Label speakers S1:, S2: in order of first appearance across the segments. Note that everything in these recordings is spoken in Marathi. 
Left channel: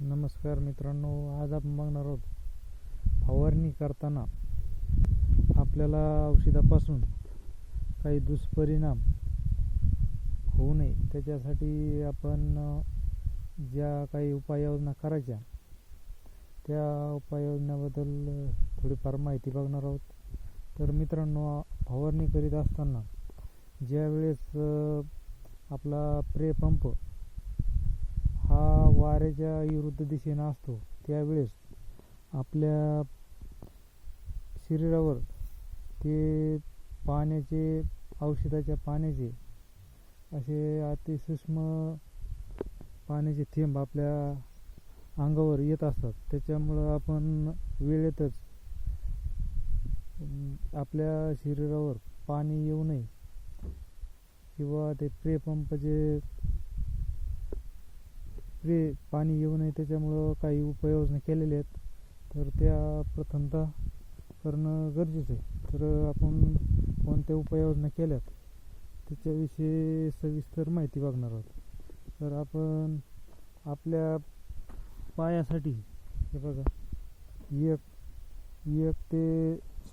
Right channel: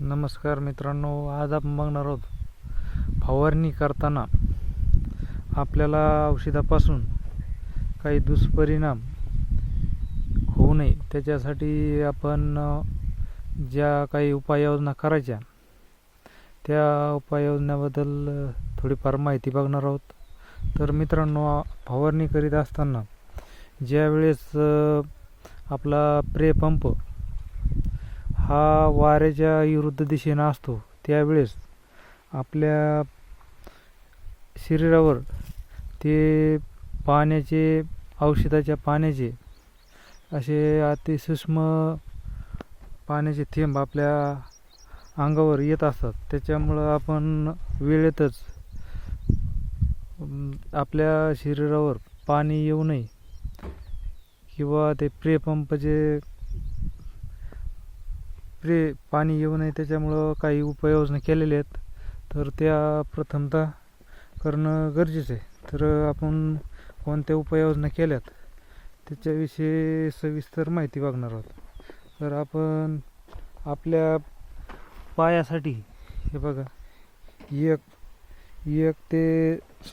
S1: नमस्कार मित्रांनो आज आपण बघणार आहोत फवारणी करताना आपल्याला औषधापासून काही दुष्परिणाम होऊ नये. त्याच्यासाठी आपण ज्या काही उपाययोजना करायच्या त्या उपाययोजनाबद्दल थोडीफार माहिती बघणार आहोत. तर मित्रांनो फवारणी करीत असताना ज्यावेळेस आपला प्रे पंप हा वाऱ्याच्या विरुद्ध दिशेनं असतो. त्यावेळेस आपल्या शरीरावर ते पाण्याचे औषधाच्या पाण्याचे असे अति सूक्ष्म पाण्याचे थेंब आपल्या अंगावर येत असतात. त्याच्यामुळं आपण वेळेतच आपल्या शरीरावर पाणी येऊ नये. किंवा ते प्रेपंपचे स्प्रे पाणी येऊ नये त्याच्यामुळं काही उपाययोजना केलेल्या आहेत. तर त्या प्रथमतः करणं गरजेचं आहे. तर आपण कोणत्या उपाययोजना केल्यात त्याच्याविषयी सविस्तर माहिती मागणार आहोत. तर आपण आपल्या पायासाठी हे बघा एक एक ते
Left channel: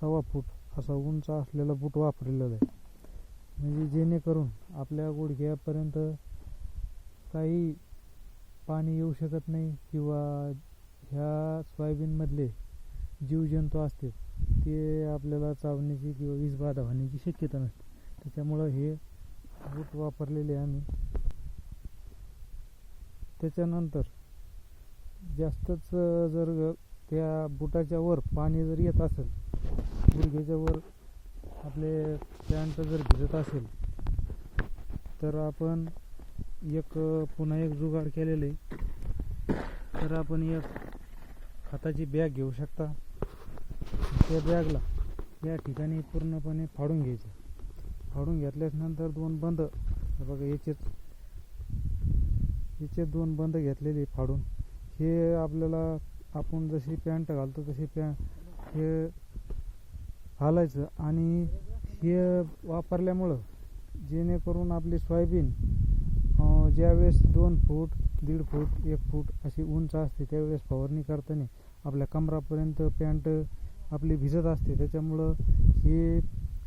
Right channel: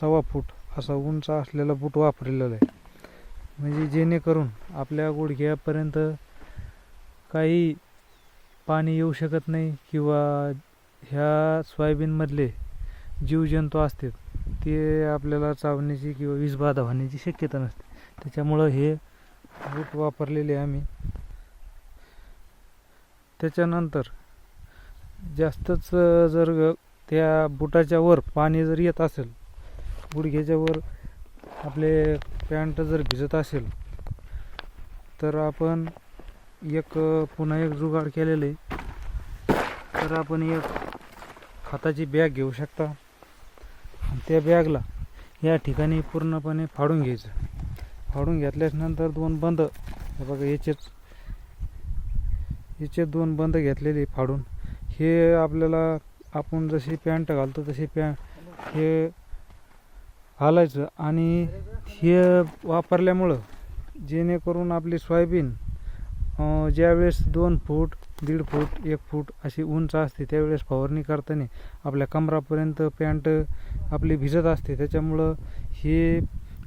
S1: सव्वा फूट असा उंच असलेला बूट वापरलेला आहे. म्हणजे जेणेकरून आपल्या गुडघ्यापर्यंत काही पाणी येऊ शकत नाही किंवा ह्या सोयाबीनमधले जीवजंतू असतात ते आपल्याला चावण्याची किंवा विषबाधा होण्याची शक्यता नसते. त्याच्यामुळं हे बूट वापरलेले आम्ही. त्याच्यानंतर जास्तच जर त्या बुटाच्या वर पाणी जर येत असेल गुडघ्याच्या वर आपले पॅन्ट जर भिजत असेल तर आपण एक पुन्हा एक जुगाड केलेलं आहे. तर आपण एक खताची बॅग घेऊ शकता. त्या बॅगला या ठिकाणी पूर्णपणे फाडून घ्यायचं. फाडून घेतल्याच्यानंतर दोन बंद. बघा याचेच याचे दोन बंद घेतलेले फाडून. हे आपल्याला आपण जशी पॅन्ट घालतो तशी पॅ हे घालायचं आणि हे वापरल्यामुळं जेणेकरून आपली सोयाबीन ज्यावेळेस दोन फूट दीड फूट एक फूट अशी उंच असते त्यावेळेस फवारणी करताना आपल्या कमरापर्यंत पॅन्ट आपली भिजत असते. त्याच्यामुळं ही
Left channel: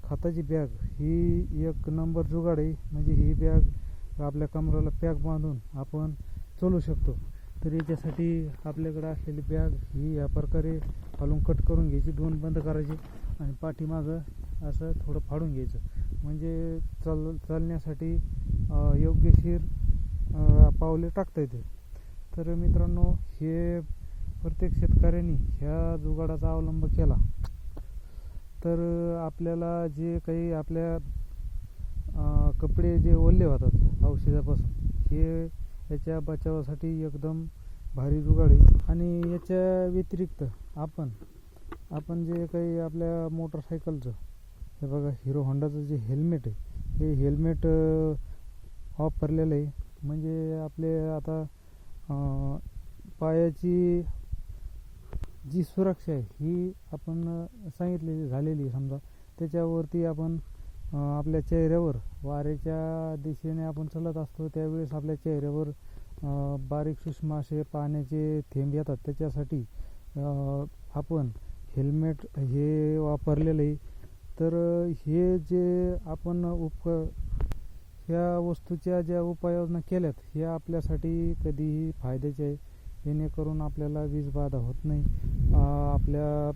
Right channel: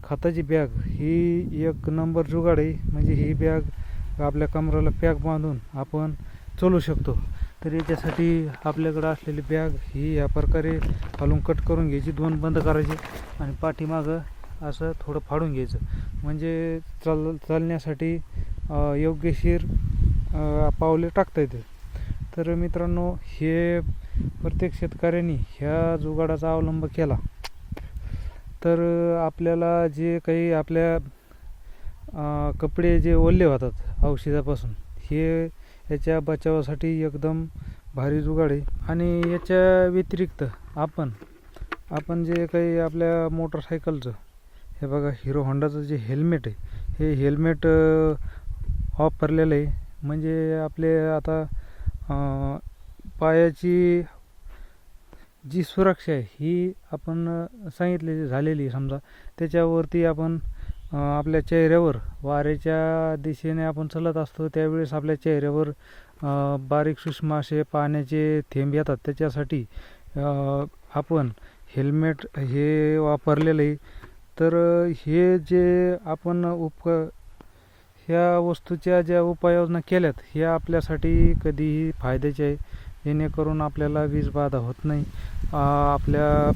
S1: खताची बॅग ही एक नंबर जुगाड आहे. म्हणजे ही बॅग आपल्या कमराला पॅक बांधून आपण चालू शकतो. तर याच्यासाठी आपल्याकडं असलेली बॅग ही या प्रकारे घालून कट करून घ्यायची दोन बंद करायची आणि पाठीमागं असं थोडं फाडून घ्यायचं. म्हणजे चाल चालण्यासाठी योग्यशीर पावले टाकता येते. तर मित्रांनो हे प्रत्येक शेतकऱ्यांनी ह्या जुगाडाचा अवलंब केला. तर आपल्याला जे काही आपल्या कपडे जे ओले होतात औषधापासून हे याच्या बचावासाठी एकदम भारी जुगाड आहे. आणि याच्या व्यतिरिक्त आपण आपण जे काही आपल्या मोटरसायकलचं हे बघा हिरो होंडाचं जे हेल्मेट आहे हे हेल्मेट वापरलेलं आहे. म्हणजे आपले आता पायाची जी सुरक्षा आहे ही आपण सांगितलेली झालेली आहे. समजा त्याच्यावरती आपण आपल्या चेहऱ्यावर वाऱ्याच्या दिशेने आपण चालत असतो त्यावेळेस आपल्या चेहऱ्यावर बारीक सूक्ष्म असे पाण्याचे थेंब येतात. त्याच्यासाठी आपण हेल्मेट हे वापरलेलं आहे. तर हे जे आपण उप ह्या वस्तूच्या ज्या उपाययोजना केल्यात ह्या आपल्यासाठी कधीही फायद्याचे आहे. जेणेकरून आपल्याला वीज बाधा होत नाही. आपल्या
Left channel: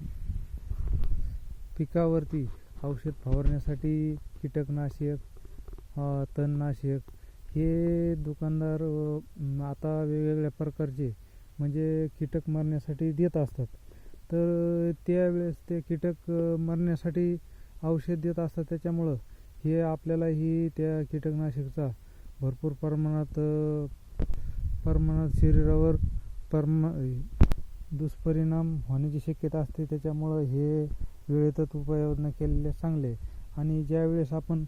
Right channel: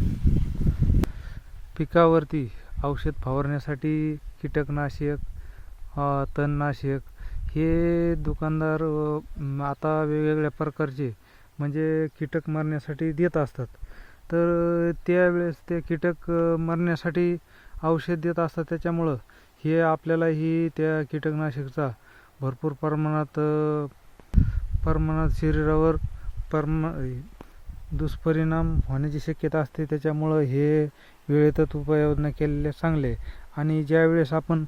S1: पिकावरती औषध फवारण्यासाठी कीटकनाशक तणनाशक हे दुकानदार आता वेगवेगळ्या प्रकारचे म्हणजे कीटक मारण्यासाठी देत असतात. तर त्यावेळेस ते कीटक मरण्यासाठी मारण्यासाठी औषध देत असतात. त्याच्यामुळं हे आपल्यालाही त्या कीटकनाशकचा भरपूर प्रमाणात प्रमाणात शरीरावर परमा दुष्परिणाम होण्याची शक्यता असते. त्याच्यामुळं हे वेळेतच उपाययोजना केलेले चांगले आणि ज्यावेळेस आपण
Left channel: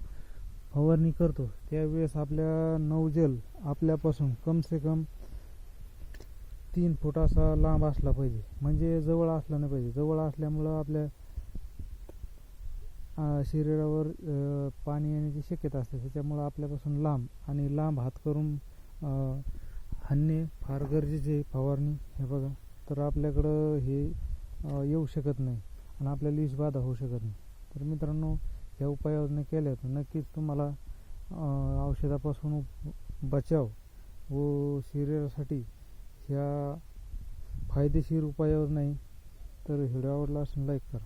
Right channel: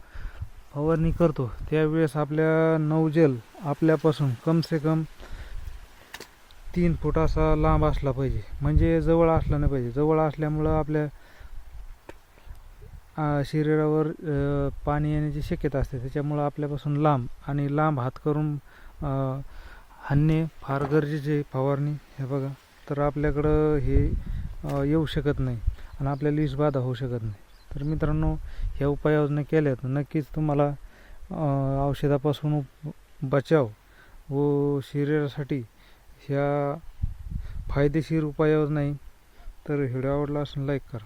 S1: फवारणी करतो त्यावेळेस आपल्या नवजल आपल्यापासून कम से कम तीन फूट असा लांब असला पाहिजे. म्हणजे जवळ असला नाही पाहिजे. जवळ असल्यामुळं आपल्या शरीरावर पाणी येण्याची शक्यता असते. त्याच्यामुळं आपल्यापासून लांब आणि लांब हात करून हाणणे फार गरजेचे फवारणी. हे बघा तर आपल्याकडं हे येऊ शकत नाही आणि आपल्याला विषबाधा होऊ शकत नाही. तर मित्रांनो ह्या उपाययोजना केल्या तर नक्कीच तुम्हाला औषधापासून उप- बचाव व शरीरासाठी ह्या फायदेशीर उपाययोजना आहे. तर व्हिडिओ आवडला असून लाईक करा.